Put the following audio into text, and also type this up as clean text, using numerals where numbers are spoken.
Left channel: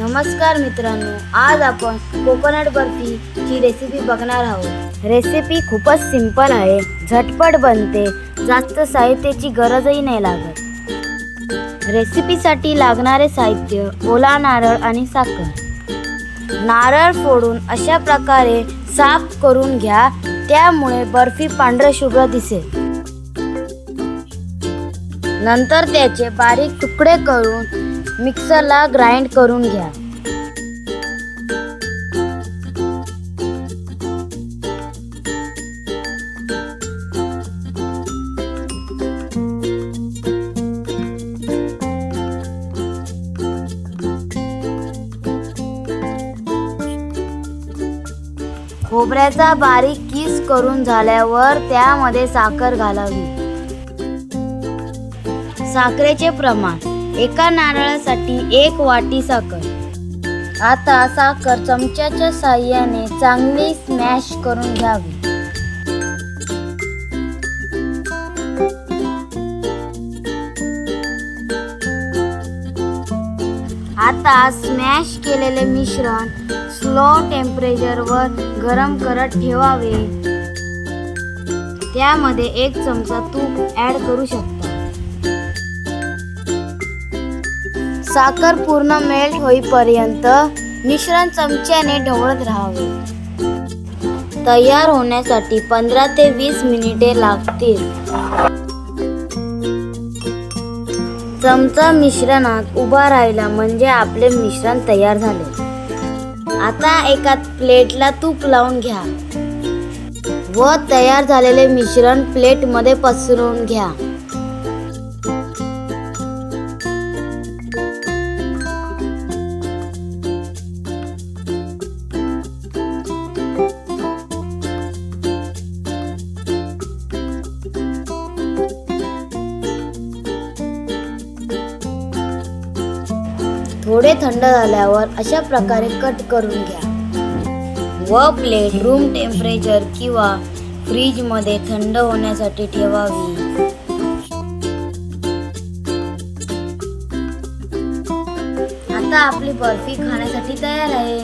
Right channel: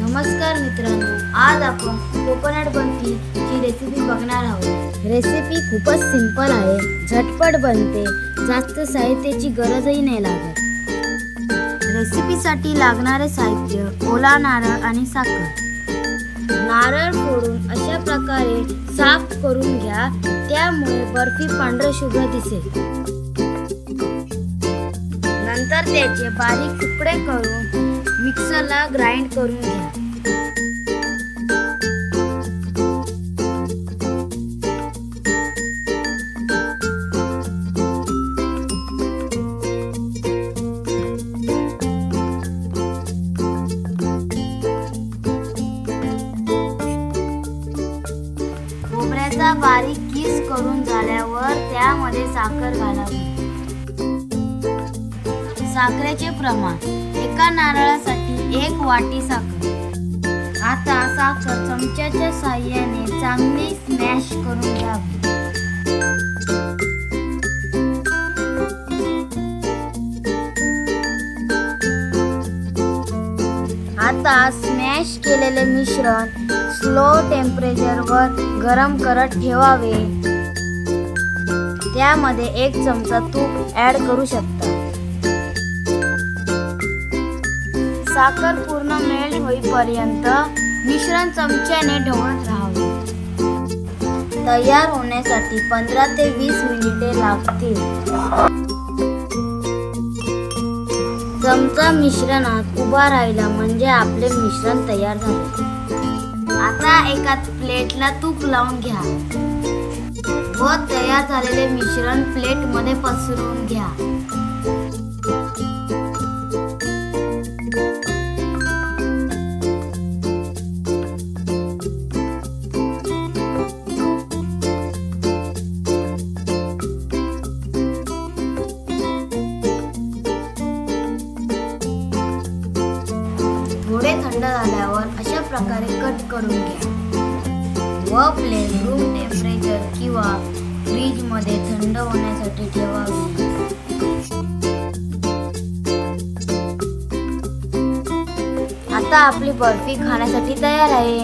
नमस्कार मित्रांनो, आज आपण कोकोनट बर्फीची रेसिपी बघणार आहोत। रेसिपी खूपच सिंपल आहे, झटपट बनते, जास्त साहित्याची गरजही नाही लागत। रेसिपीसाठी लागणारे साहित्य: ओला नारळ आणि साखर। नारळ फोडून अशा प्रकारे साफ करून घ्या, त्यामुळे बर्फी पांढरशुभ्र दिसेल। नंतर त्याचे बारीक तुकडे करून मिक्सरला ग्राइंड करून घ्या। खोबऱ्याचा बारीक किस करून झाल्यावर त्यामध्ये साखर घालावी। साखरेचे प्रमाण: एका नारळासाठी 1 वाटी साखर। आता साखर चमच्याच्या साहाय्याने चांगली स्मॅश करून घ्यावी। आता स्मॅश केलेले मिश्रण स्लो टेम्परेचरवर गरम करत ठेवावे। त्यामध्ये 1 चमचा तूप ॲड करू शकता। साखर पूर्ण मेल्ट होईपर्यंत मिश्रण चमच्याने ढवळत राहावे। तयार होण्यासाठी 15 ते 20 मिनिटे लागतील। चमचा मिश्रणात उभा राहिला म्हणजे आपले मिश्रण तयार झाले। आता एका प्लेटला तूप लावून घ्या व तयार झालेले मिश्रण प्लेटमध्ये पसरवून घ्या। थोडे थंड झाल्यावर अशा प्रकारे कट करून घ्या व प्लेट रूम टेम्परेचर किंवा फ्रीजमध्ये थंड होण्यासाठी ठेवावी। आता आपली बर्फी खाण्यासाठी तयार आहे।